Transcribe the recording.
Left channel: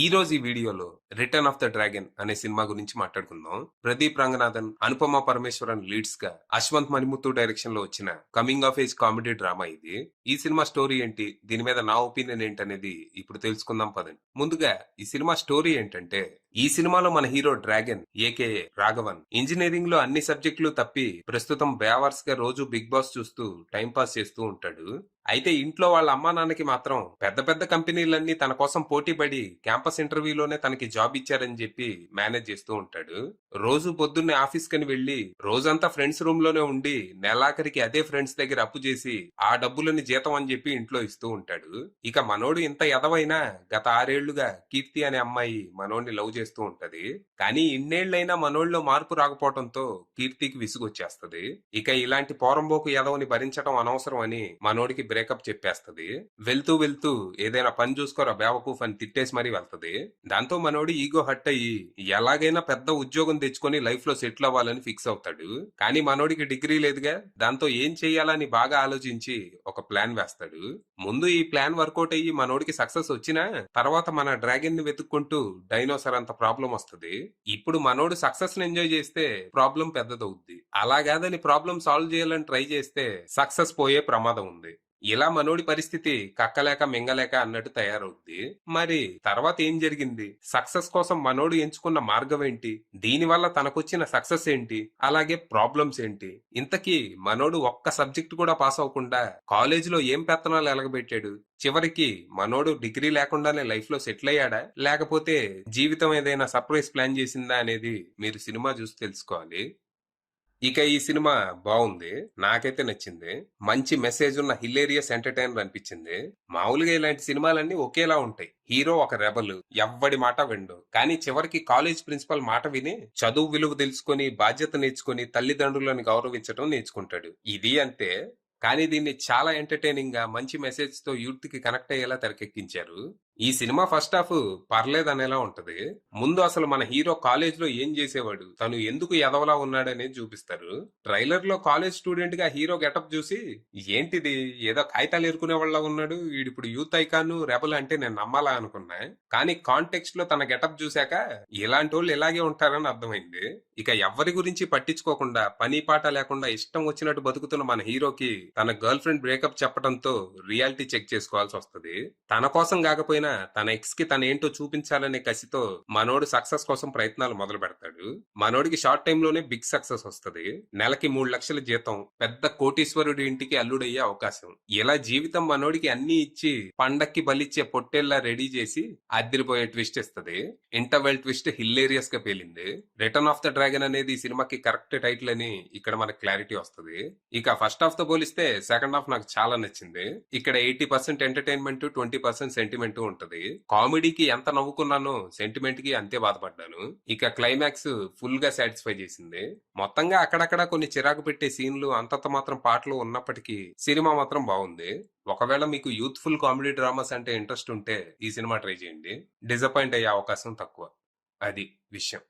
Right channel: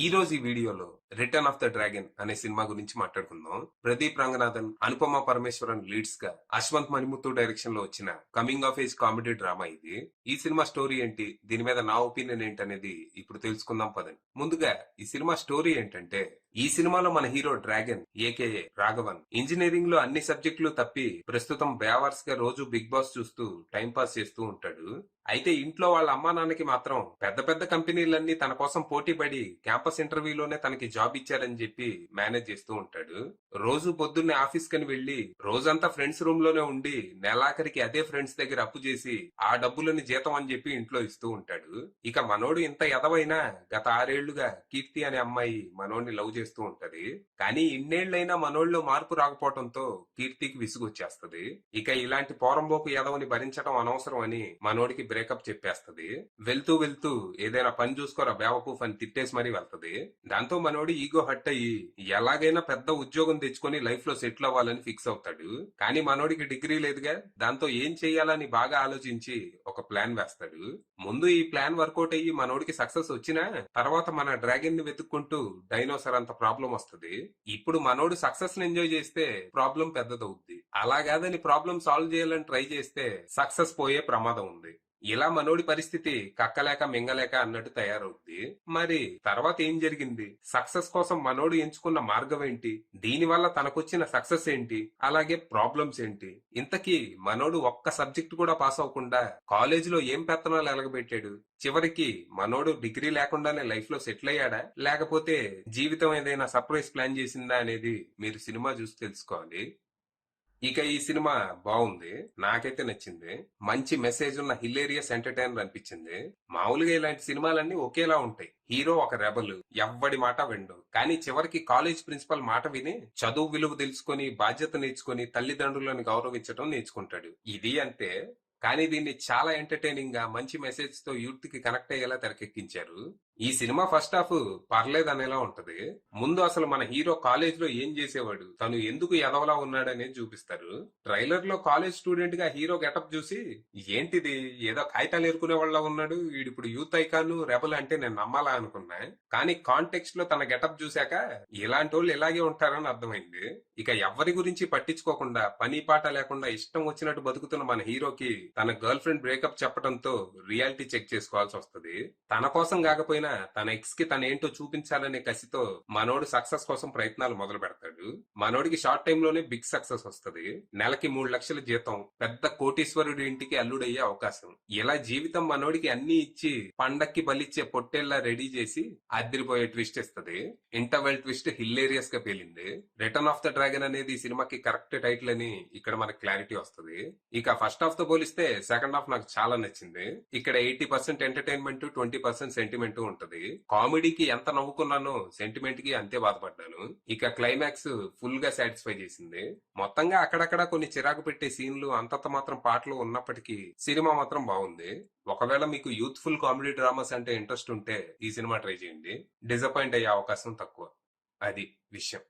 ఈ రోజు ఈ వీడియోలో రిటర్న్ ఆఫ్ ద డ్రాగన్ అనే సినిమా గురించి మాట్లాడుకుందాం. ప్రదీప్ రంగనాథన్, అనుపమ పరమేశ్వరన్ లీడ్స్ గా అశ్వంత్ మణిముత్తు డైరెక్షన్ లో వచ్చిన coming of age comedy drama ఇది. ఈ సినిమా స్టోరీ ఏంటి, దీని మీద నా ఒపీనియన్ ఏంటనేది ఇప్పుడు తెలుసుకుందాం పదండి. ముందుగా ఈ సినిమా స్టోరీ ఏంటంటే, ఈ సినిమాలో మన hero dragon AKA Raghavan engineering లో అన్ని సబ్జెక్టులు తప్పి ప్రస్తుతం బేవర్స్ గా రోజు బిగ్ బాస్ చూస్తూ టైం పాస్ చేస్తూ ఉంటాడు. అయితే ఇంట్లో వాళ్ళ అమ్మా నాన్నకి మాత్రం పెద్ద పెద్ద కంపెనీలన్నీ తన కోసం పోటీ పడి క్యాంపస్ ఇంటర్వ్యూలోనే తనకి జాబ్ ఇచ్చారని చెప్పి మేనేజ్ చేస్తూ ఉంటాడు. రోజు పొద్దున్నే ఆఫీస్ కని వెళ్లి రోజంతా ఫ్రెండ్స్ రూమ్ లోనే ఉండి నెలాఖరికి అదే ఫ్రెండ్స్ దగ్గర అప్పు చేసి ఆ డబ్బులని జీతం అని చెప్పి ఇంట్లో ఇస్తూ ఉంటాడు. ఇక మనోడు ఇంత ఎదవైనా గత 6 ఏళ్లుగా కీర్తి అనే అమ్మాయి మనోడిని లవ్ చేస్తూ ఉంటది. కానీ ఇన్నేళ్లైనా మనోడిలో మార్పు రాకపోవడంతో కీర్తికి విసుగొచ్చేస్తది. ఇక ఇలాంటి పోరంబోకు ఎదవని భరించడం అనవసరం అని మనోడికి బ్రేకప్ చెప్పేస్తది. వెళ్తూ వెళ్తూ ఏదైనా పని చూసుకోరా బేవకూఫ్ అని తిట్టేసి మరీ వెళ్తది. దాంతో మనోడు ఈగో హట్ అయ్యి ఎలాగైనా పెద్ద ఉద్యోగం తెచ్చుకొని లైఫ్ లో సెటిల్ అవ్వాలని ఫిక్స్ అవుతాడు. కానీ మనోడికి డిగ్రీ లేదుగా, దాంతో ఏం చెయ్యాలని బాగా ఆలోచించి ఒక ప్లాన్ వేస్తాడు. ముందు ఈ ప్లాన్ వర్కౌట్ అయ్యి మనోడికి సక్సెస్ వచ్చినా తర్వాత మన డ్రాగన్ ని వెతుక్కుంటూ డైనోసర్ అంత ప్రాబ్లం వస్తుంది. ఇప్పుడు మనోడు సక్సెస్ ని ఎంజాయ్ చేస్తే ప్రాబ్లం పెద్దదవుద్ది. అలాగాదని ప్రాబ్లం సాల్వ్ చేయాలని ట్రై చేస్తే సక్సెస్ పోయే ప్రమాదం ఉంది. ఇలా మనోడి పరిస్థితి కక్కలేక మింగలేక అన్నట్టు తయారవుద్ది. మరి తర్వాత ఏం జరిగింది, సక్సెస్ కోసం మనోడు ఎంచుకున్న మార్గం ఏంటి, దీనివల్ల తనకొచ్చిన సక్సెస్ ఏంటి, అలాగే ప్రాబ్లమ్స్ ఏంటి, ఇంతకీ మనోడు ఒక్క సబ్జెక్ట్ కూడా పాస్ అవ్వకుండా కాలేజీలో ఏం పెత్తనాలు ఎలగబెట్టాడు, చివరికి మనోడు డిగ్రీ లేకుండానే లైఫ్ లో సెటిల్ అయ్యాడా, లేకపోతే జీవితం ఏదైనా సర్ప్రైజ్ ప్లాన్ చేసిందా అనేది మీరు సినిమా చూసి తెలుసుకోవాలి. ఇక ఈ సినిమా బాగుంది, నాకైతే నచ్చింది. మంచి మెసేజ్ ఉన్న హిలేరియస్ ఎంటర్టైనర్ అనిపించింది. మామూలుగా ఇలాంటి సినిమాలన్నీ ఒకేలా ఉంటాయి. హీరో ఒక రెబల్, ఎవ్వడి మాట విండు, కానీ చివరికి కాలేజ్ ప్రిన్సిపల్ మాట విని చదువు విలువ తెలుసుకొని బాధ్యత నేర్చుకుని తల్లిదండ్రులను గౌరవించడం నేర్చుకుంటాడు. ఇది అంతే. కానీ దీన్ని చాలా ఎంటర్టైనింగ్ గా మంచి మెసేజ్ తో యూత్ కి కనెక్ట్ అయ్యేలా తెరకెక్కించారు. ఈ సినిమా ఫస్ట్ హాఫ్ పర్లేదు అనేలా ఉంటది. ముందు అసలు మన హీరో కాలేజ్ లో ఏం చేసేవాడు, తను ఎందుకు ఎదవలా ఉన్నాడనేది చూపిస్తారు. ట్రైలర్ లో కాలేజ్ స్టూడెంట్ గా హీరో గెటప్ చూసి ఏంటిది, ఏదో కాగితాలు ఏరుకునే వాళ్ళ ఉన్నాడు, వీడిప్పుడు యూత్ ఐకాన్ రెబల్ అంటే నేను నమ్మాలా అనుకున్నా. కానీ కాంటెక్స్ట్ లో తన గెటప్ చూశాక ఇలాంటి వాళ్ళు ఇలాగే ఉంటారని అర్థమైంది. ఇక ఎవరి గురించి పట్టించుకోకుండా పని పాట లేకుండా ఇష్టం వచ్చినట్టు బతుకుతున్న మన హీరోకి తన గర్ల్ ఫ్రెండ్ బ్రేకప్ చెప్పడంతో రియాలిటీ చెక్ చేసుకోవాల్సి వస్తుంది. తన కోసం కాకపోయినా తన ఎక్స్ కి తన ఏంటో చూపించాలనే కసితో మనోడు సక్సెస్ కోసం ప్రయత్నాలు మొదలు పెడతాడు. మనోడికి షార్ట్ టైం లోనే బిగ్ సక్సెస్ వస్తుంది. నెలకి 3 లక్షల జీతం, పెద్ద కోటీశ్వరుడి ఇంటికి అల్లుడయ్యే అవకాశం. ఇలా జీవితం మనోడికి అన్ని ఇచ్చి పండక్కి బలిచ్చే పొట్టేళ్లా రెడీ చేసి అదిరిపోయే ట్విస్ట్ ఇస్తుంది. ఇంటర్వెల్ ట్విస్ట్ హిల్లేరియస్ గా పేలింది. రిటర్న్ ఆఫ్ ద డ్రాగన్ అనేది ఈ సినిమాకి కరెక్ట్ టైటిల్ అని ఇక్కడ మనకు క్లారిటీ వస్తుంది. ఇక ఫస్ట్ హాఫ్ తో పోలిస్తే సెకండ్ హాఫ్ నాకు చాలా నచ్చింది. ఇక్కడ 80% ఎంటర్టైన్మెంట్, 20% సెంటిమెంట్ ఉంటది. కామెడీకి ఎంత నవ్వుకున్నానో సెంటిమెంట్ కి అంతే బాధపడ్డాను. ఇక క్లైమాక్స్ ఫుల్ గా సాటిస్ఫై చేసింది. మొత్తంగా అక్కడక్కడ కొన్ని చిరాకు పెట్టే సీన్లు, అంతంత మాత్రం పాటలు ఉన్నప్పటికీ సినిమా మాత్రం బాగుంది. ఒకవేళ మీకు యూత్ఫుల్ కామెడీ డ్రామాస్ అంటే ఇంట్రెస్ట్ ఉంటే ఈ సినిమా ట్రై చేయండి. డిసప్పాయింట్ అయ్యే అవకాశం తక్కువ. అది విషయం.